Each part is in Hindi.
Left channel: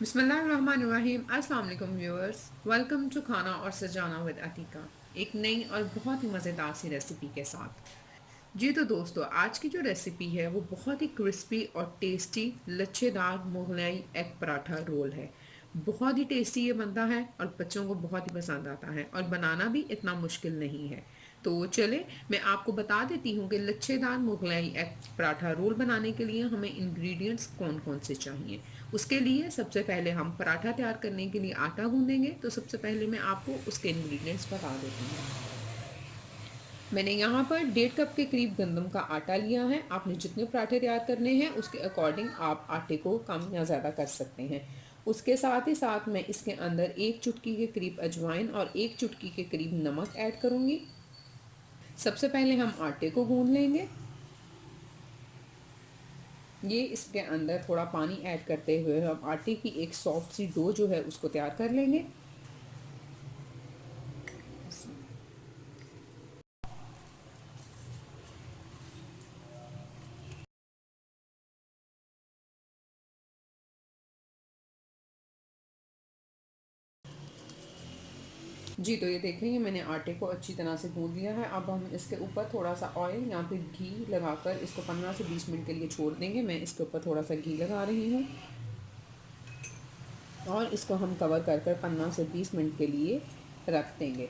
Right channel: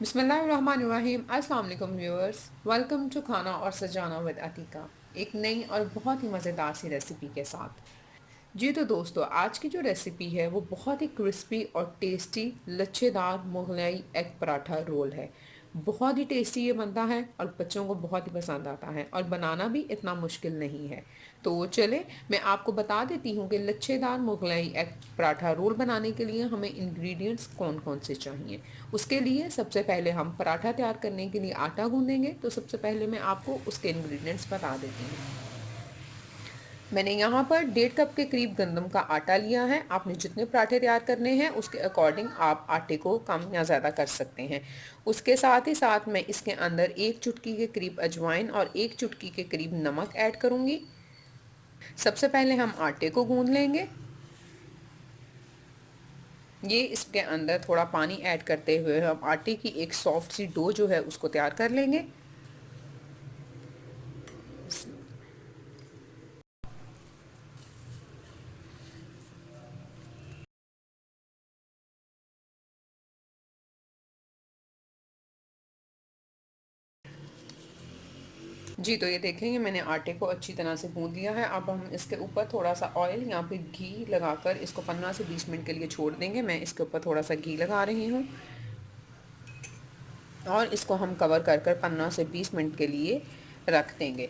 बिस्मिल्लाहिर्रहमानिर्रहीम। अस्सलाम वालेकुम व्यूअर्स, वेलकम टू खाना और सजाना विद अतीका, एक नई और बहुत ही मज़ेदार सी रेसिपी के साथ। जी तो दोस्तों, आज की जो रेसिपी है वो बहुत ही क्रिस्पी और टेस्टी लच्छेदार मुगलई एग पराठा रोल है। बहुत ही टेस्टी ये बनता है और बच्चों को बहुत ही पसंद आता है और बनाना भी इतना मुश्किल नहीं है। तो चले मैं आपको बता देती हूँ कि लच्छेदार मुगलई एग पराठा रोल बनाने के लिए हमें इंग्रेडिएंट्स कौन कौन से चाहिए। उसके लिए सबसे पहले हम पराठा तैयार करने के लिए आटा गूँधेंगे। तो सबसे पहले मैं आपको उसके इंग्रेडिएंट्स बता देती हूँ। मैंने यहाँ पर 1.5 कप के करीब गंदम का आटा लिया है। आपने जितने पराठे तैयार करने हैं उसके अकॉर्डिंग आप आटे को कम या ज़्यादा कर सकते हैं। उसके साथ ही साथ मैं इसके अंदर 1 चुटकी के करीब अजवाइन और 1 चुटकी के करीब नमक ऐड करूँगी। सबसे पहले हम आटे को गूँध लेंगे। ये इसके अंदर थोड़ा पानी ऐड करते हुए हम आटे की एक सॉफ्ट सी डो जो है उसको तैयार कर लेंगे। जी तो ये देखेंगे मैंने आटे को अच्छी तरह से गूंद लिया है। अब हम इसके ऊपर थोड़ा सा ऑयल या फिर घी लगाकर इसको 15 से 20 मिनट के लिए छोड़ देंगे। मैं इसके ऊपर थोड़ा सा घी लगा रही हूँ और इसको हम कवर कर कर 15 से 20 मिनट के लिए रख देंगे।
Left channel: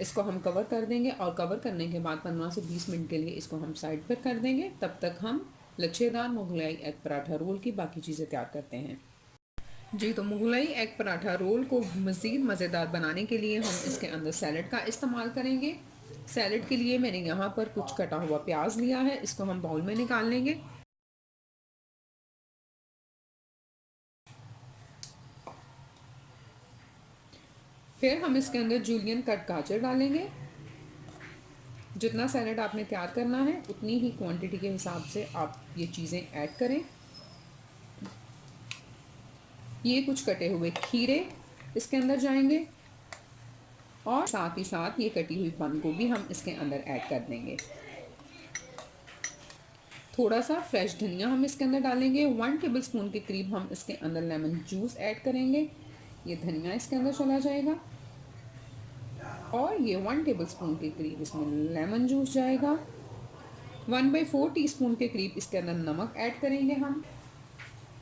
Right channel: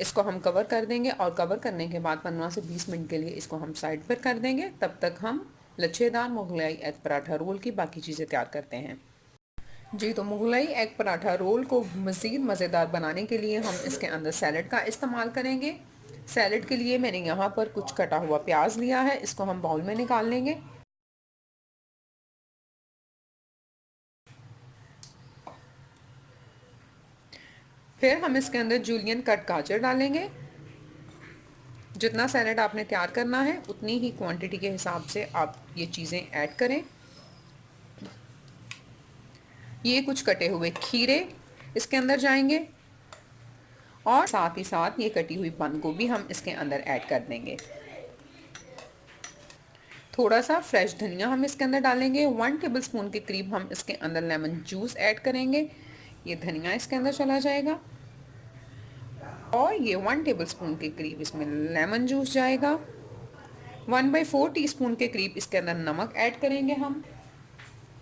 इसको हम कवर कर देंगे और कवर करने के बाद 15 से 20 मिनट के लिए इसको हम साइड पर कर देंगे। तब तक हम लच्छेदार मुगलाई एग पराठा रोल की बाकी चीज़ें तैयार करते हैं। जी तो मुगलई एग पराठा रोल को मज़ीद मज़ेदार बनाने के लिए हम इसके अंदर सैलड का इस्तेमाल करेंगे। सैलड के लिए मैंने यहाँ पर कुछ कटा हुआ प्याज लिया है, इसको हम बाउल में निकाल लेंगे। फिर हम इसके अंदर जूलियन कट गाजर डालेंगे। जितना सैलड आपने तैयार करना है उतनी ही क्वांटिटी के हिसाब से आप ये चीज़ें ऐड करें। ये कुछ कटे हुए खीरे इसके अंदर जाएंगे और साथ ही साथ ये कटी हुई बंद गोभी हम इसके अंदर ऐड कर देंगे। थोड़ा सा फ्रेश धनिया हम इसके अंदर डालेंगे। 1 टेबलस्पून के करीब हम इसके अंदर लेमन जूस ऐड करेंगे। ये धनिया इसके अंदर चला जाएगा और ये 1 टेबलस्पून के करीब इसमें लेमन जूस जाएगा। 1/4 टीस्पून के करीब इसके अंदर नमक ऐड करेंगे हम।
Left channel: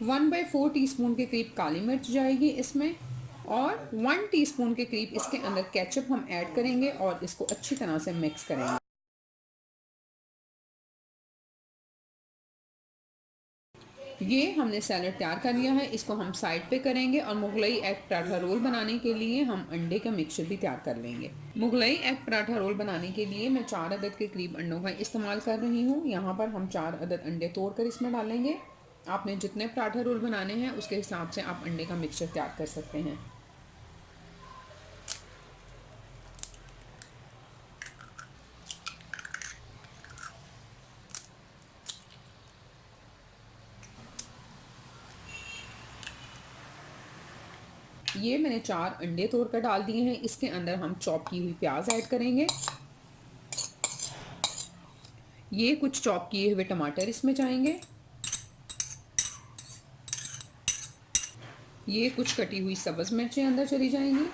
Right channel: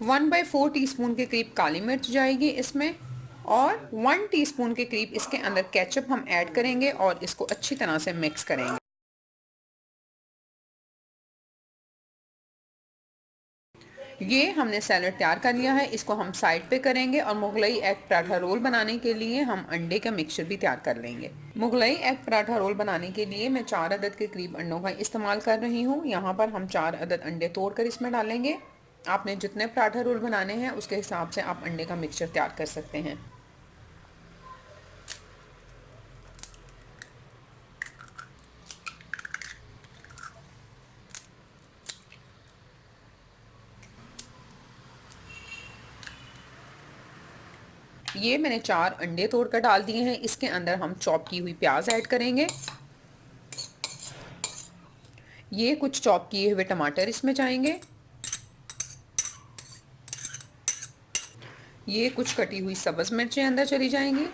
1/4 टीस्पून के करीब काली मिर्च जाएगी इसमें और 1 टीस्पून के करीब इसके अंदर केचप हम ऐड करेंगे और इसको अच्छी तरह से मिक्स करेंगे। ये हमने सैलड तैयार कर लिया है, इसको हम साइड पे करेंगे और मुगलई एग पराठा रोल बनाने के लिए हम अंडे का मिक्सचर भी तैयार कर लेंगे। मुगलई एग पराठा रोल बनाने के लिए मैं 4 अदद के करीब अंडों का इस्तेमाल कर रही हूँ। यहाँ पर हम 4 अदद अंडे तोड़कर इसमें डालेंगे। आपने जितने पराठा रोल बनाने हैं उसके हिसाब से आप अंडे का मिक्सचर तैयार कर सकते हैं। ये मैंने 4 अंडे तोड़कर डाल दिए हैं। इसके अंदर हम चॉप की हुई प्याज ऐड करेंगे। ये कुछ चॉप किए हुए टमाटर इसमें जाएंगे। ये कुछ कटी हुई सब्ज़ मिर्चें अंदर चली जाएंगी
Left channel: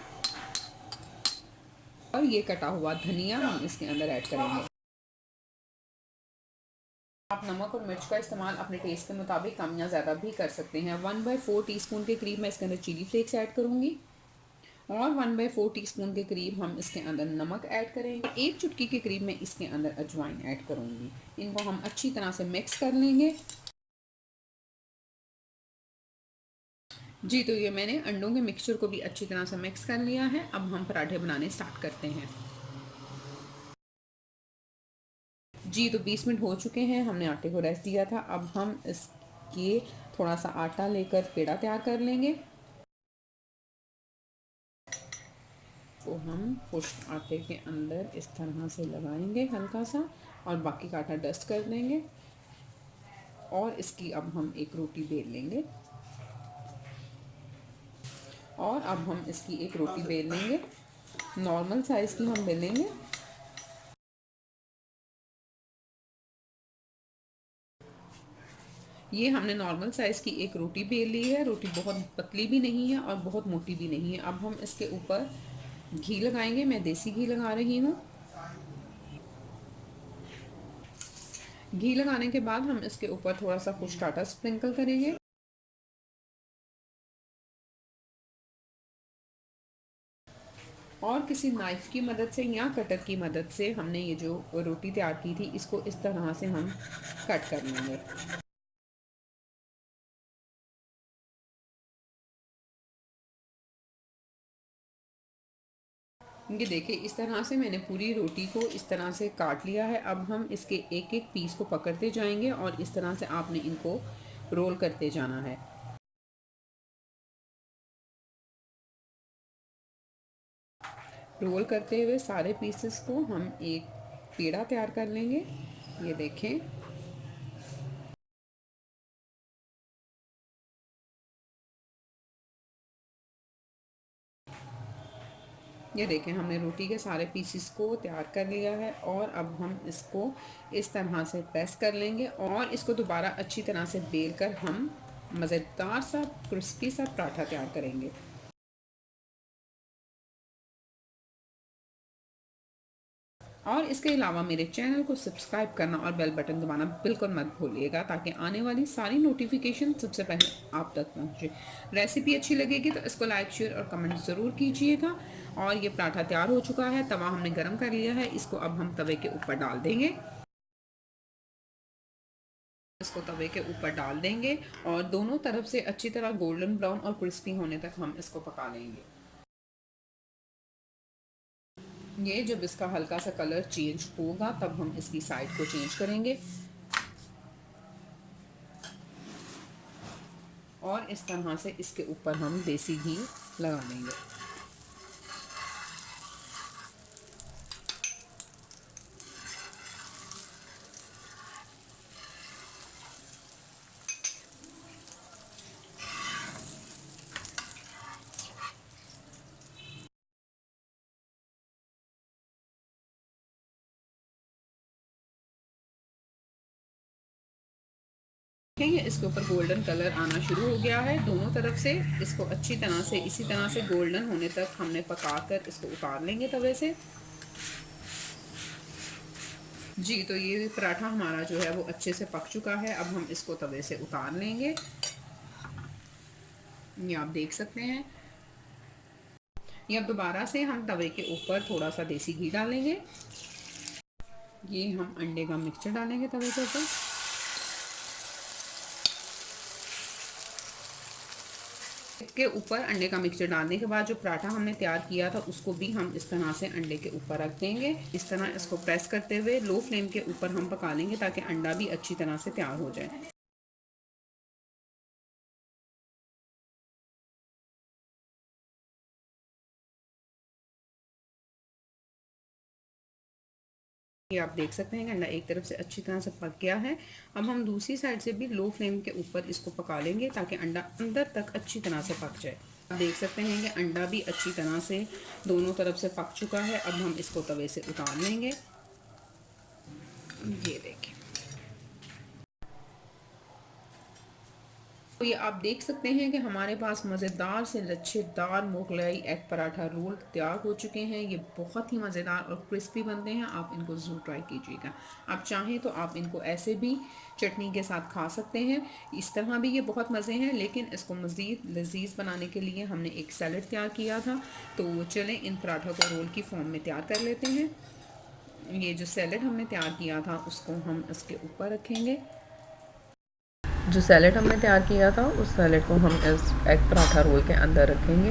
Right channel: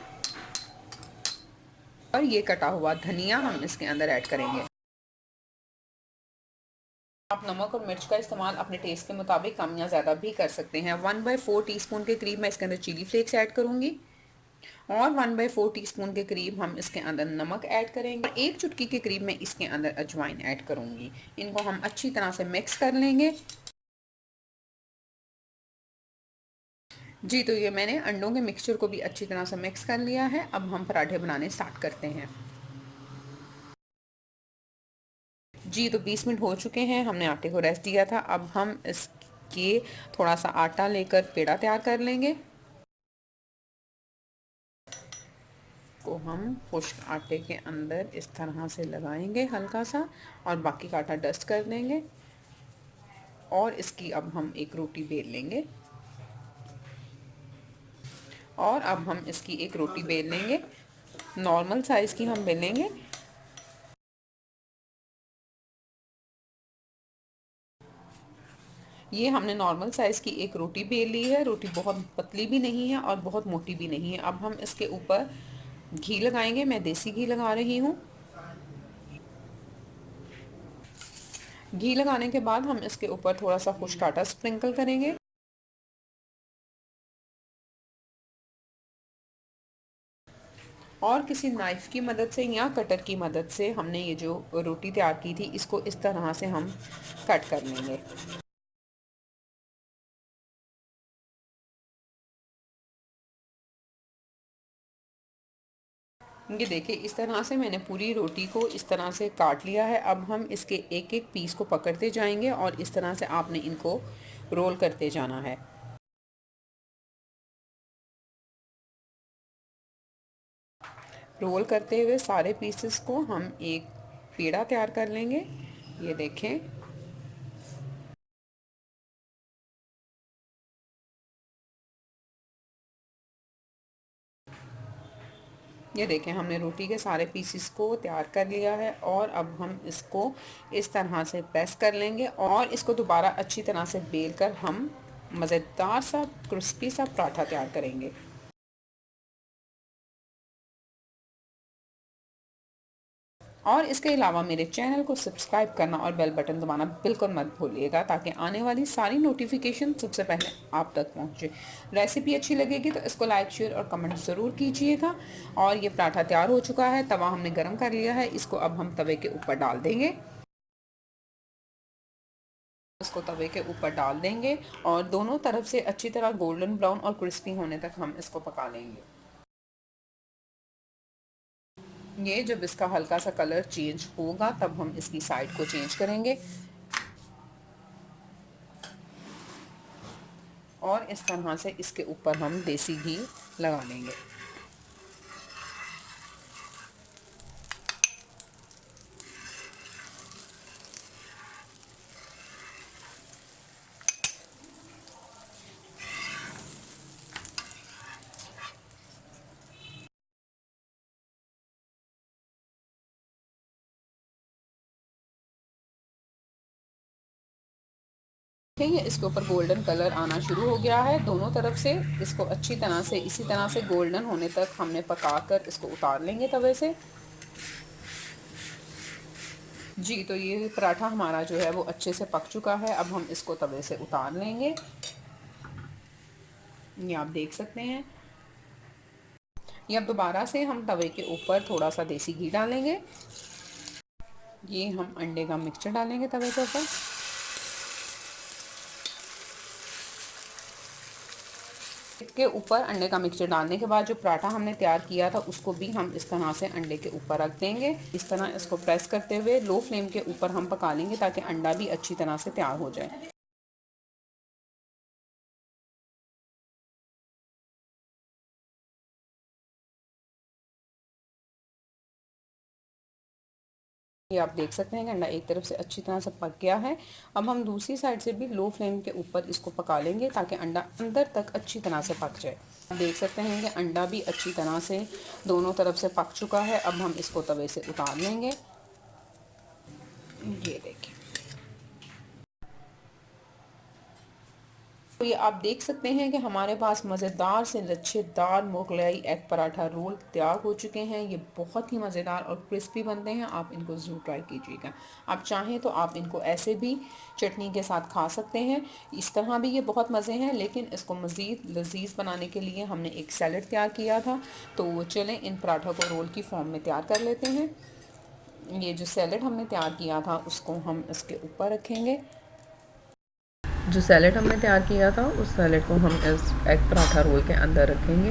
और ये कटा हुआ धनिया हम इसके अंदर ऐड करेंगे। आप नमक और मिर्च का इस्तेमाल अपने टेस्ट के मुताबिक कम या ज़्यादा भी कर सकते हैं। 1/4 टीस्पून के करीब मैं इसके अंदर चिली फ्लेक्स ऐड करूँगी और 1/4 टीस्पून के करीब हम इसके अंदर नमक ऐड करेंगे। 1 चुटकी के करीब मैं इसके अंदर अजवाइन ऐड करूँगी। इनको हम अच्छी तरह से मिक्स कर लेंगे। जी तो ये मैंने अंडों के मिक्सचर को भी अच्छी तरह से मिक्स कर लिया है। अब हम पराठे बनाने स्टार्ट करते हैं। जी तो 20 मिनट हो चुके हैं, हमने आटे को रेस्ट दिया था। अब हम इसके थोड़ा सा आटा लेकर पेड़ा तैयार कर लेंगे। को हम खुश्क आटे के अंदर इस तरह से लगाएंगे हल्का सा और बाकी का आटा डस्ट कर देंगे और इसकी अब हम एक रोटी बेल लेंगे और अब हम इसकी एक रोटी बेल लेंगे। नॉर्मल साइज़ की हम बेलेंगे। ये हमने नॉर्मल साइज़ की एक रोटी बेल ली है। रोटी बहुत पतली भी नहीं है और बहुत मोटी भी नहीं है। अब हम इसके ऊपर घी लगाएंगे। मैं देसी घी लगा रही हूँ। घी लगाने के बाद हम इसके ऊपर थोड़ा सा खुश्क आटा स्प्रिंकल करेंगे। और किसी नाइफ़ की मदद से या कटर की मदद से हमने ये जो रोटी तैयार की थी इसको इस तरह से हम कट कर लेंगे। ये देखिए, इस तरह से मैंने पूरी रोटी को इस तरह से काट लिया है। अब हम इसके एक एक पीस को पकड़ते जाएंगे और इस तरह से आपने इनको रोल करते जाना है। रोल करते हुए सारे पीसेस को हम एक पेड़ा तैयार कर लेंगे। ये देखें, ये देखें हमने रोटी के सारे पीसेस को तैयार कर लिया है और अब हम इसको इस तरह से प्रेस कर लेंगे और इसको दोबारा अच्छी तरह से बेल कर हम मज़ेदार सा क्रिस्पी सा पराठा तैयार करेंगे। और इसके अलावा मेरे चैनल को सब्सक्राइब करना और बेल बटन दबाना बिल्कुल मत भूलिएगा, ताकि आने वाली सारी नोटिफिकेशन सबसे पहले आप तक पहुंचे। रेसिपी अच्छी लगेगी तो इसको लाइक शेयर और कमेंट ज़रूर कीजिएगा। और ये पराठा तैयार हो चुका है। तवा हमने गरम कर लिया है। इसको अब हम तवे के ऊपर डाल देंगे। इसको तवे के ऊपर डाल देंगे और दोनों तरफ से अच्छी तरह गोल्डन ब्राउन और क्रिस्पी होने तक हम इसको पका लेंगे। ये जब इसका हल्का सा कलर चेंज होगा तब हम इसकी साइड को चेंज करेंगे और इस तरह से इसके ऊपर हम देसी घी लगा लेंगे। देखिए, इसके ऊपर गोल्डन कलर आना शुरू हो गया है दोनों तरफ से। इसको अच्छी तरह से इसी तरह से गोल्डन होने तक हमने पकाकर इसको उतार लेंगे तवे से। जी, तो ये पराठा हमारा जो है वो अच्छे से पक चुका है। अब हम इसको तवे से उतार लेंगे। ये आप देख सकते हैं। ये अब दोबारा से हम तवे के ऊपर थोड़ा सा देसी घी डालेंगे। ये हम अंडे का मिक्सचर डालेंगे तवे के ऊपर। इसके ऊपर अंडे का मिक्सचर डालने के बाद जो पराठा हमने तैयार किया था उसको भी हम इस तरह से अंडे के ऊपर रख देंगे। इस तरह इसको प्रेस करते हुए लो फ्लेम के ऊपर हम पका लेंगे ताकि अंडा भी अच्छी तरह से तैयार हो जाए। ये आप देख सकते हैं कि अंडा एक तरफ से अच्छी तरह से पक गया है। अब हम दूसरी साइड से भी लो फ्लेम के ऊपर इसको पका लेंगे ताकि अंडा अंदर तक अच्छी तरह से पक जाए। आप देख सकते हैं कि अंडा भी अच्छी तरह से दोनों तरफ से पक चुका है। अब हम इसको तवे से उतार लेंगे। ये देखिए, तो ये आप देख सकते हैं कि हमारे पास मज़ेदार से लच्छेदार मुगलाई एग पराठा रोल तैयार हो चुके हैं। ये बहुत ही मज़ेदार और क्रिस्पी बनते हैं। आप इनको ज़रूर ट्राई कीजिएगा। आप चाहें तो आप इनको ऐसे भी चटनी के साथ खा सकते हैं। इस तरह भी ये बहुत मज़े हैं, लेकिन इसको मज़ीद लजीज बनाने के लिए हमने एक सैलड तैयार किया था। तो चलें इन पराठों को रोल की फॉर्म में तैयार कर लेते हैं। ये जो सैलड हमने तैयार किया था उसको हम इसके ऊपर रखेंगे। जो सैलेड हमने तैयार किया था उस सैलेड को हम इस एग पराठा रोल के अंदर रखेंगे।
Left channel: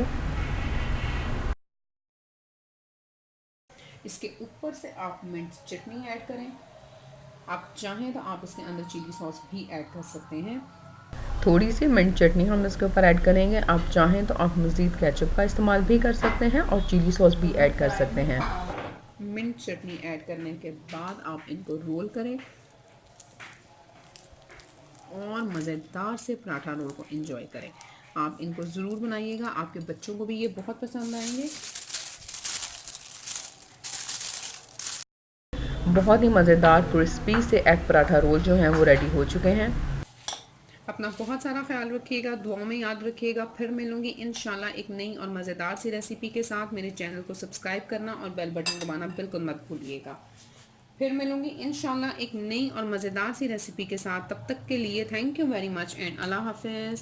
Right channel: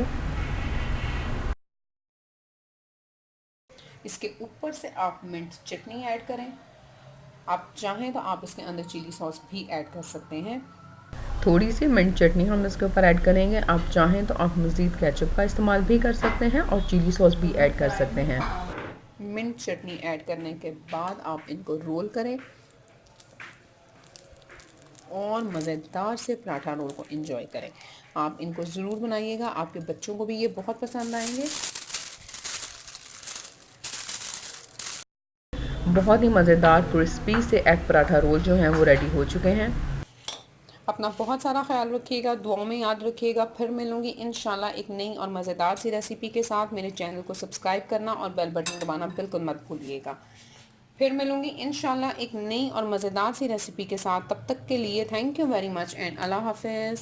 इसके ऊपर से आप मिंट चटनी ऐड करें। आप चाहें तो आप इसके अंदर चिली सॉस भी ऐड कर सकते हैं। थोड़ी सी मिंट चटनी हम इसके ऊपर ऐड करेंगे। आप चाहें तो आप मज़ीद केचप का इस्तेमाल भी कर सकते हैं और चिली सॉस भी ऐड कर सकते हैं। मिंट चटनी ऐड करने के बाद आप इनको रोल करें और मज़ेदार से पराठा रोल को एंजॉय करें। आप इनको ज़रूर बनाइएगा, आपके बच्चों को भी ये बहुत पसंद आएंगे। बहुत ही मज़ेदार क्रिस्पी से एग पराठा रोल जो हैं वो रेडी हो चुके हैं। अपना बहुत सारा ख्याल रखिएगा, दुआओं में याद रखिएगा। फिर मिलूंगी इंशाल्लाह एक नई और मज़ेदार सी रेसिपी के साथ। मेरे चैनल को सब्सक्राइब करना और बेल बटन दबाना बिल्कुल मत भूलिएगा। फिर मिलूंगी इंशाल्लाह एक नई और मज़ेदार सी रेसिपी के साथ। तब तक के लिए thank you very much and अल्लाह हाफिज़।